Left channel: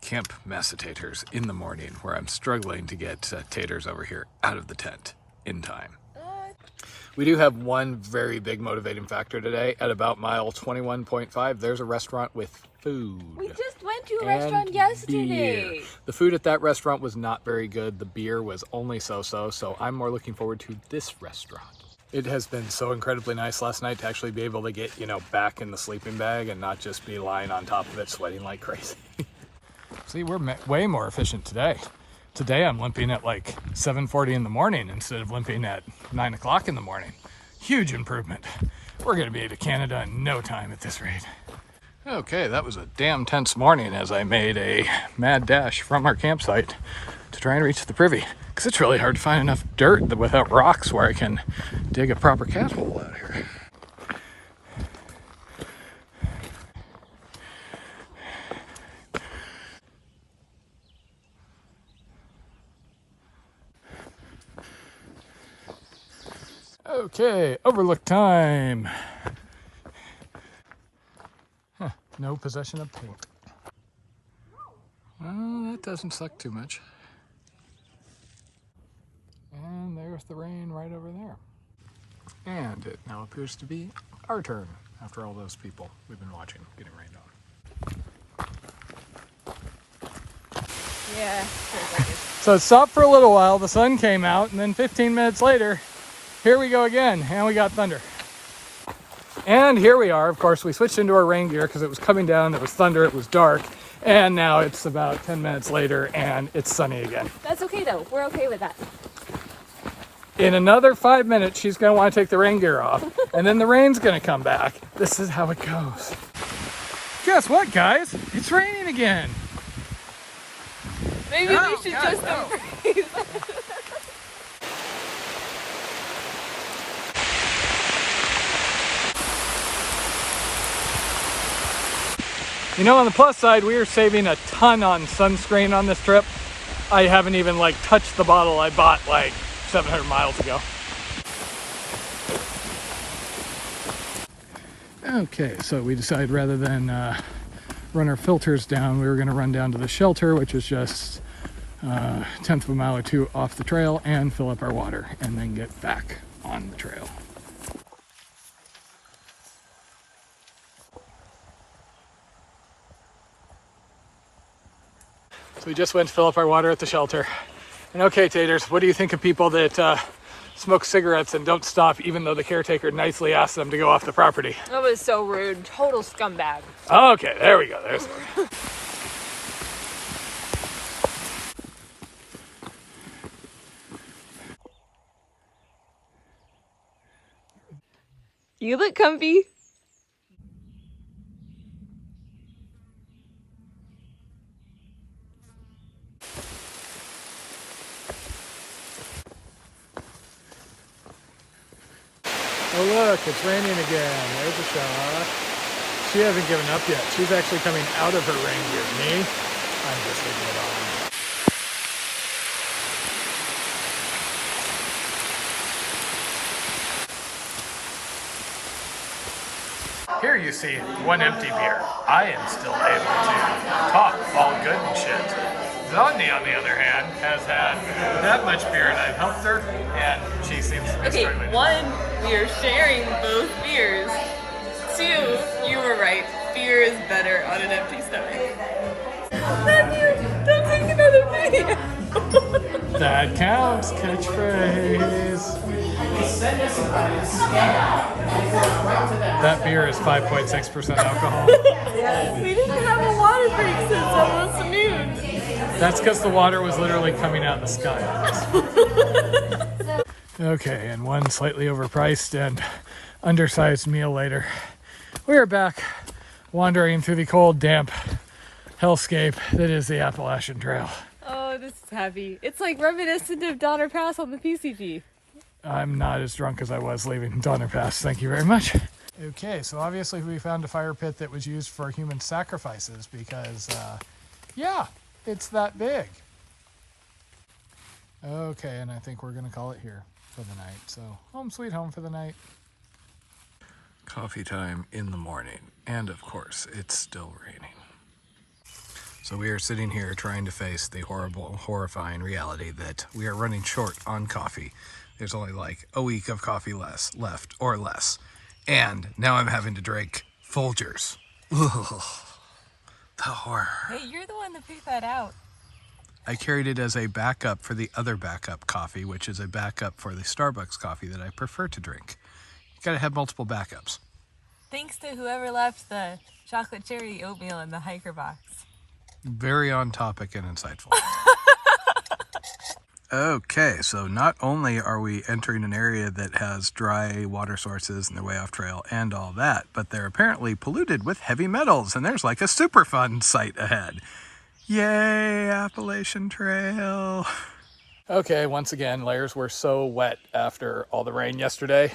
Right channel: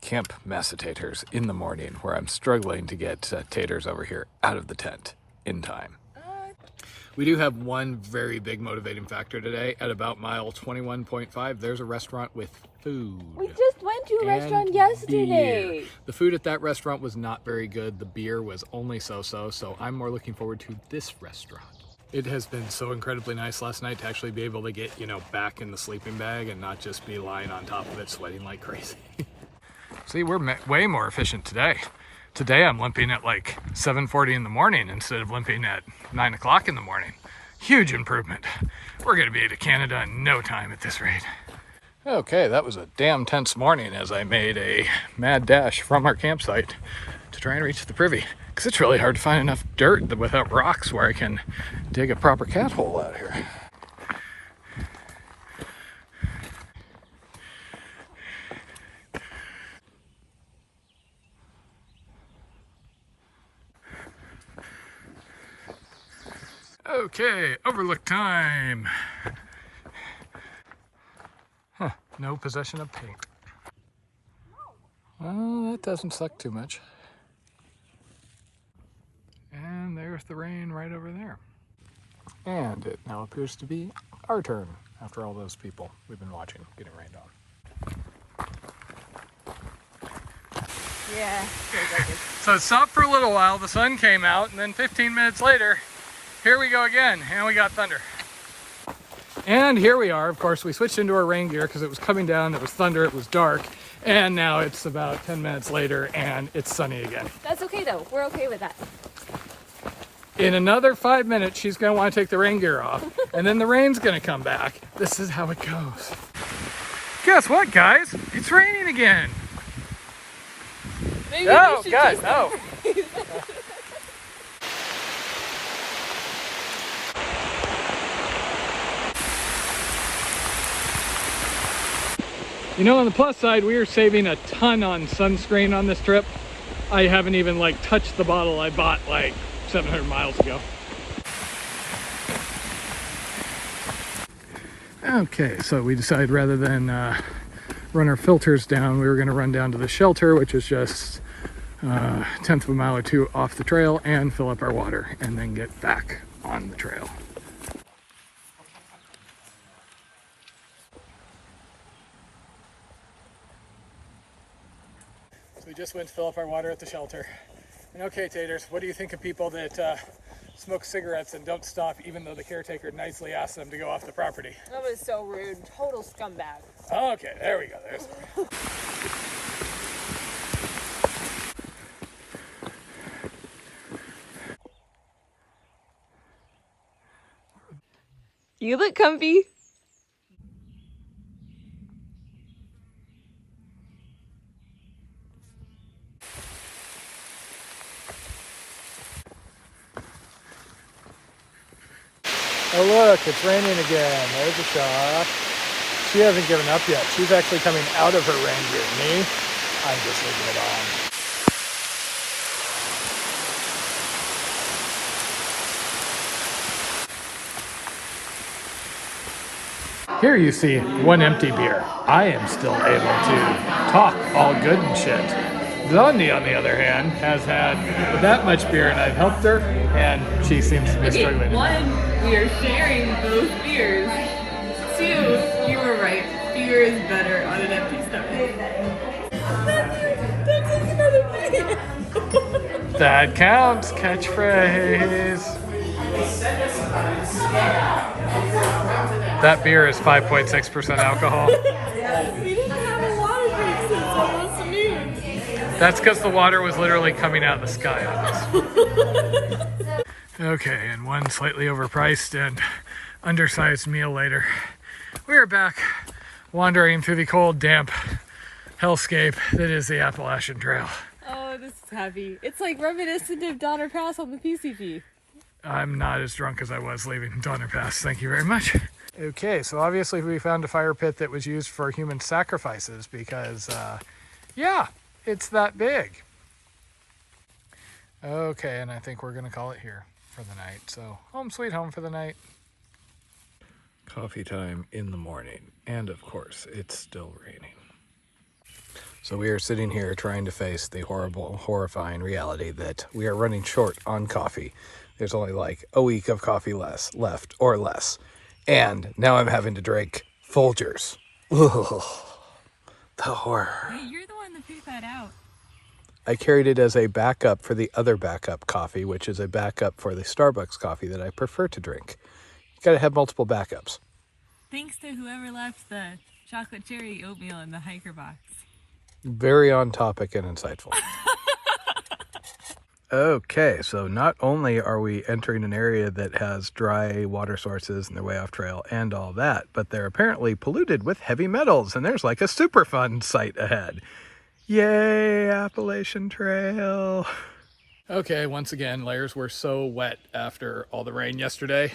camp massa-taters in the morning, where I'm struggling to get taters over here out of the tent in time. We do have one very big motivating factor today. At about mile 21.5, there's a restaurant with food. We just went to a restaurant yesterday. Beer. The food at that restaurant was not very good. The beer was only so-so, so I'm more looking forward to this restaurant. It has been so incredibly nice last night to actually be able to get, back in the sleeping bag and not just be lying on top of it sweating like crazy. See, we're way more efficient today. Today I'm limping at like 7:40 in the morning instead of limping at 9 o'clock in the morning. Huge improvement. We're gonna be to Canada in no time at this rate. Okay, that was a damn tense morning as I made a mad dash from our campsite to try and reach the privy. Because it's really hard to find enough dirt without rocks where I can dig a proper cat hole out here. Okay, overlook time. Huh, no possession of paint. Well, that doesn't suck too much. And there's the rain right over there. And it now appears to be our turn after all those people we've been watching getting rained on. Yeah. So it stopped for a little while, the sun came out, and then 15 minutes later, here we go again, and we got thunder. And here we are. Of course, we switched into our rain gear because it was coming down, it was thunder, it was dark, and now it's about 10 minutes later, and it's sunny again. That's okay though, we're okay with that. In another 5 minutes, she's gonna want to take the rain gear off, and then the rain's gonna come back. This is how it goes. Guess what, guys? It's raining again. Maybe No, we should guys, just no. On the plus side, we are saving a ton on sunscreen on this trip. I haven't even touched the bottle I bought 700 miles ago. Okay, so we decided rather than run our filters down, we were going to run down to the shelter, which is just a tenth of a mile or two off the trail, and fill up our water and then get back on the trail. So we just went to fill up our water at the shelter. And okay, taters, what do you think of people that smoke cigarettes and don't stop even though the caretaker nicely asked them to go off the property? That was so rude. Total scumbag. Okay, there we go. There's the word. You look comfy. Oh look, it's raining again. There's a shot. She hasn't given up yet. She's actually coming out of her rain gear. Me, I'm just leaving it on. Here you see one empty beer. I am still able to talk all good and shit. Blondie, on the other hand, has had that much beer, and I've helped her, and she seems to be struggling. One, we are sharing both beers. Two, you were right. Beer is better on an empty stomach. Matthew, don't take another beer. That counts. Catchphrase. That beer is 5.6% alcohol. We didn't have a water break since almost noon. That's because the water was literally coming out of the sky on us. Okay, and one slightly overpriced and undersized meal later, we are back wandering through the cold, damp hellscape that is the Appalachian Trail. Oh, this is heavy. It's like reminiscent of Donner Pass on the PCT. I'm not as drunk as I was leaving Donner Pass, thank you very much. Okay, so obviously we found a fire pit that was used for human sacrifices because, yeah, it's that big. Okay, and I think we're gonna call it here for the night. So home sweet home for the night. Coffee time in the morning, and of course it's still raining. So we are sitting here trying to face the horrible, horrifying reality that we are running short on coffee. There's only like a week of coffee left or less. And now I'm having to drink Folgers. Ugh, the horror. Hey, you're the one that picked that out. I carried it as a backup for the other backup coffee, which is a backup for the Starbucks coffee that I prefer to drink. You gotta have multiple backups. Thanks to whoever left the chocolate cherry oatmeal in the hiker box. Very on topic and insightful. Okay, so not only are we entering an area that has dry water sources and they're way off trail and all that, but they're apparently polluted with heavy metals, and there's like a Superfund site ahead. Yay, Appalachian Trail. Okay, once again, layers were so wet after all the rain yesterday.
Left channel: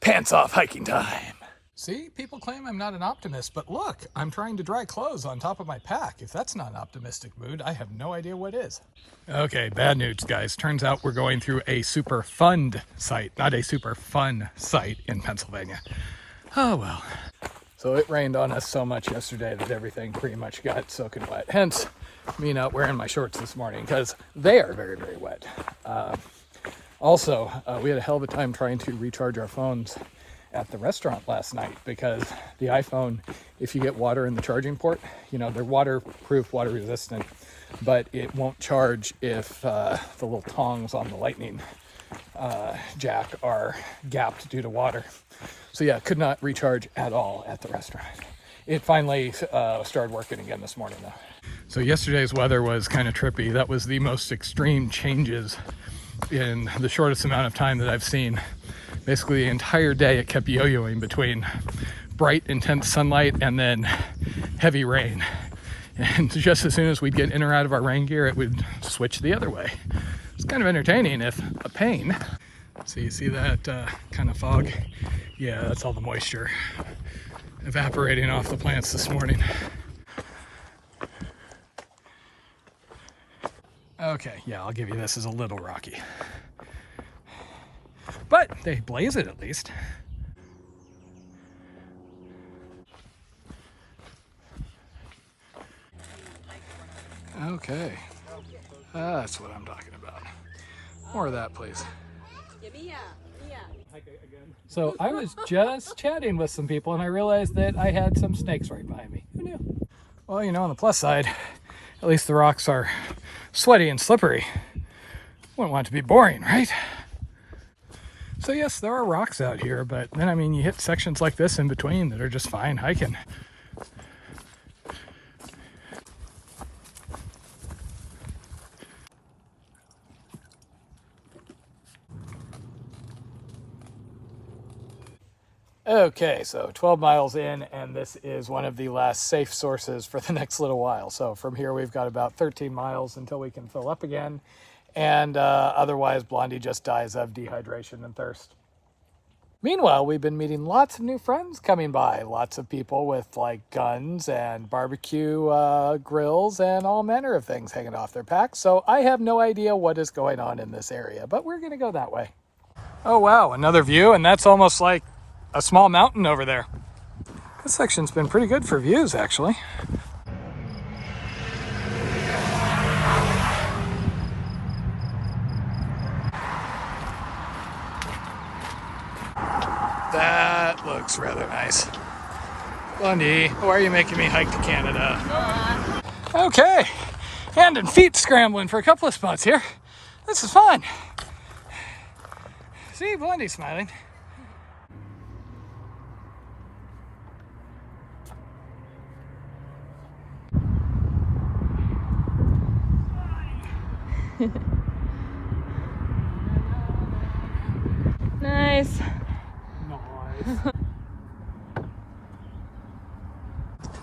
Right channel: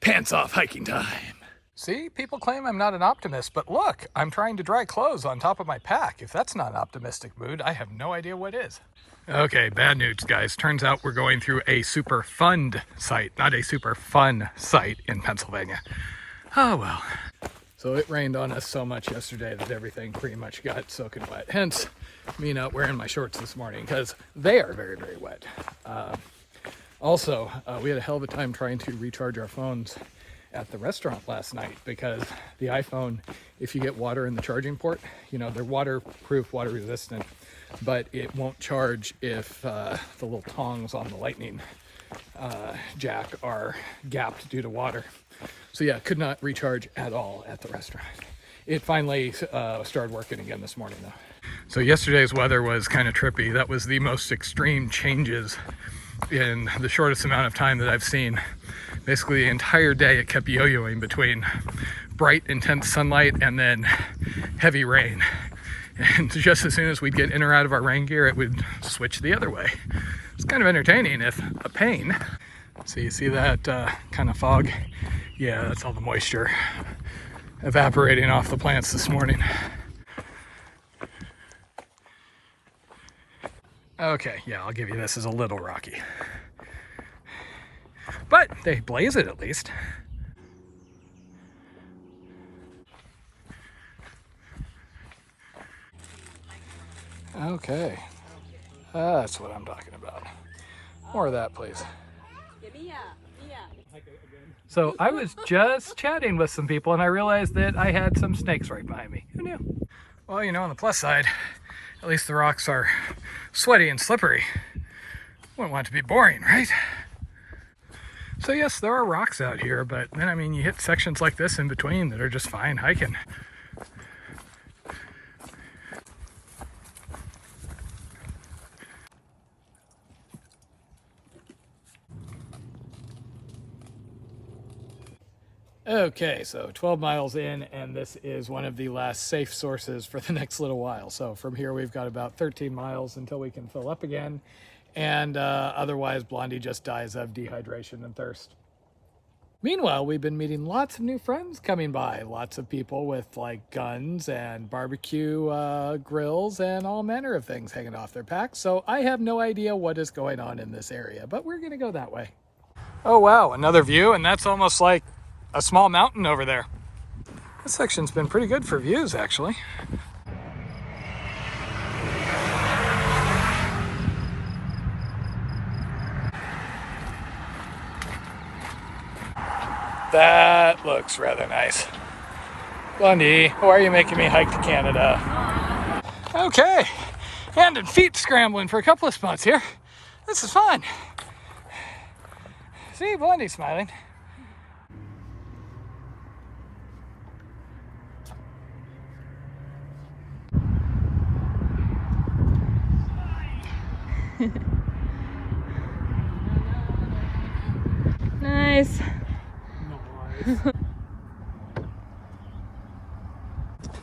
Pants off hiking time. See, people claim I'm not an optimist, but look, I'm trying to dry clothes on top of my pack. If that's not an optimistic mood, I have no idea what is. Okay, bad news, guys. Turns out we're going through a Superfund site, not a super fun site in Pennsylvania. Oh, well. So it rained on us so much yesterday that everything pretty much got soaking wet. Hence, me not wearing my shorts this morning because they are very, very wet. Also, we had a hell of a time trying to recharge our phones at the restaurant last night because the iPhone, if you get water in the charging port, you know, they're waterproof, water resistant, but it won't charge if the little tongs on the lightning jack are gapped due to water. So yeah, could not recharge at all at the restaurant. It finally started working again this morning though. So yesterday's weather was kind of trippy. That was the most extreme changes in the shortest amount of time that I've seen. Basically the entire day it kept yo-yoing between bright, intense sunlight and then heavy rain. And just as soon as we'd get in or out of our rain gear, it would switch the other way. It's kind of entertaining, if a pain. So you see that kind of fog? Yeah, that's all the moisture evaporating off the plants this morning. Okay, yeah, I'll give you this is a little rocky. But they blaze it at least. Okay, that's what I'm talking about. More of that, please. So I was just chatting with some people and I realized that I had some snakes right behind me. Who knew? Well, you know, on the plus side, at least the rocks are sweaty and slippery. Wouldn't want it to be boring, right? So yes, there are rocks out here, but then, I mean, you hit sections like this in between that are just fine hiking. Okay, so 12 miles in, and this is one of the last safe sources for the next little while. So from here, we've got about 13 miles until we can fill up again. And otherwise, Blondie just dies of dehydration and thirst. Meanwhile, we've been meeting lots of new friends coming by. Lots of people with like guns and barbecue grills and all manner of things hanging off their packs. So I have no idea what is going on in this area, but we're gonna go that way. Oh wow, another view, and that's almost like a small mountain over there. This section's been pretty good for views, actually. That looks rather nice. Blondie, why are you making me hike to Canada? Okay, hand and feet scrambling for a couple of spots here. This is fun. See, Blondie's smiling. Nice.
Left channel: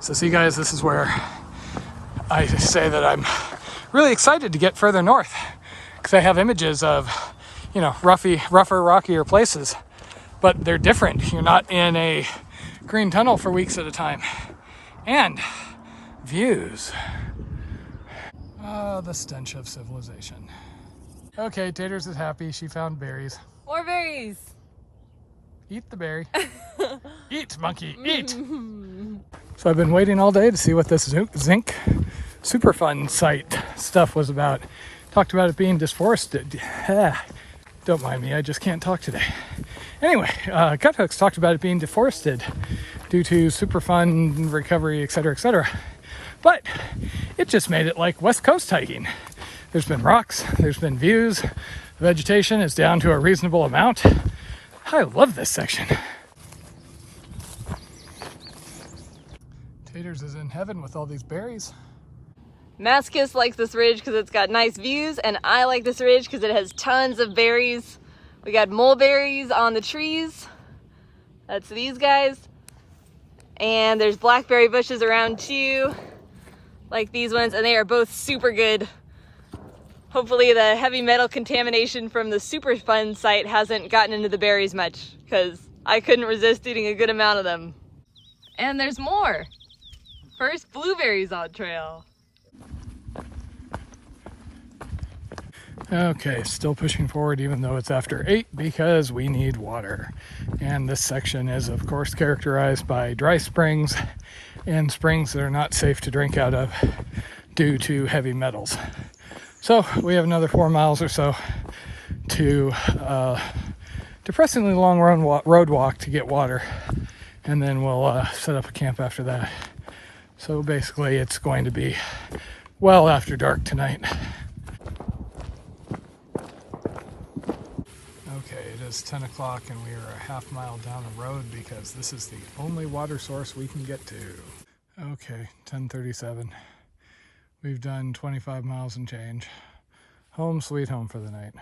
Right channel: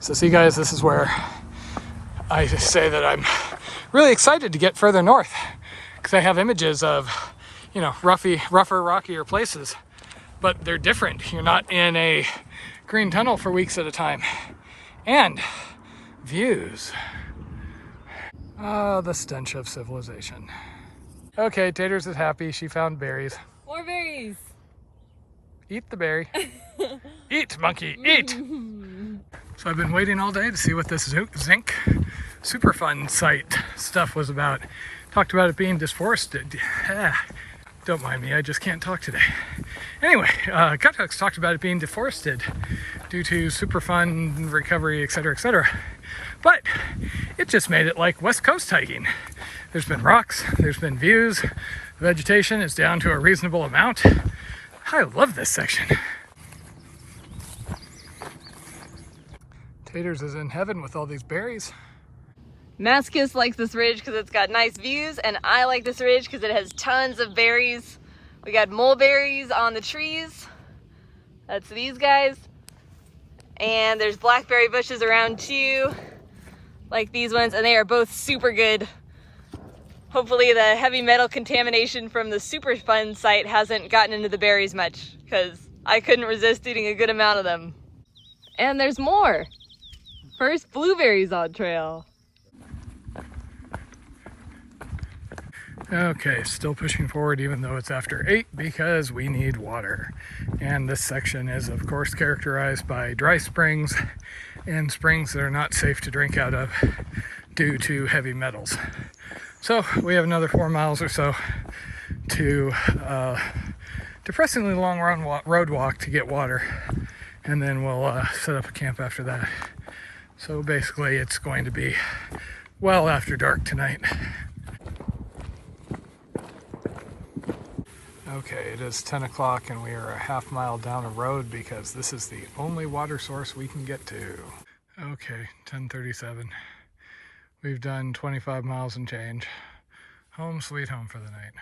So see guys, this is where I say that I'm really excited to get further north because I have images of, you know, rougher, rockier places, but they're different. You're not in a green tunnel for weeks at a time. And views. Oh, the stench of civilization. Okay, Taters is happy. She found berries. More berries. Eat the berry. Eat, monkey, eat! So I've been waiting all day to see what this Zinc Superfund site stuff was about. Talked about it being deforested. Don't mind me, I just can't talk today. Anyway, Gut Hooks talked about it being deforested due to Superfund recovery, etc., etc. But it just made it like West Coast hiking. There's been rocks, there's been views, vegetation is down to a reasonable amount. I love this section. Taters is in heaven with all these berries. Mascus likes this ridge because it's got nice views, and I like this ridge because it has tons of berries. We got mulberries on the trees. That's these guys. And there's blackberry bushes around too, like these ones, and they are both super good. Hopefully the heavy metal contamination from the Superfund site hasn't gotten into the berries much, because I couldn't resist eating a good amount of them. And there's more. First blueberries on trail. Okay, still pushing forward even though it's after 8 because we need water. And this section is of course characterized by dry springs and springs that are not safe to drink out of due to heavy metals. So we have another 4 miles or so to depressingly long road walk to get water, and then we'll set up a camp after that. So basically it's going to be well after dark tonight. Okay, it is 10 o'clock and we are a half mile down the road because this is the only water source we can get to. Okay, 10:37. We've done 25 miles and change. Home sweet home for the night.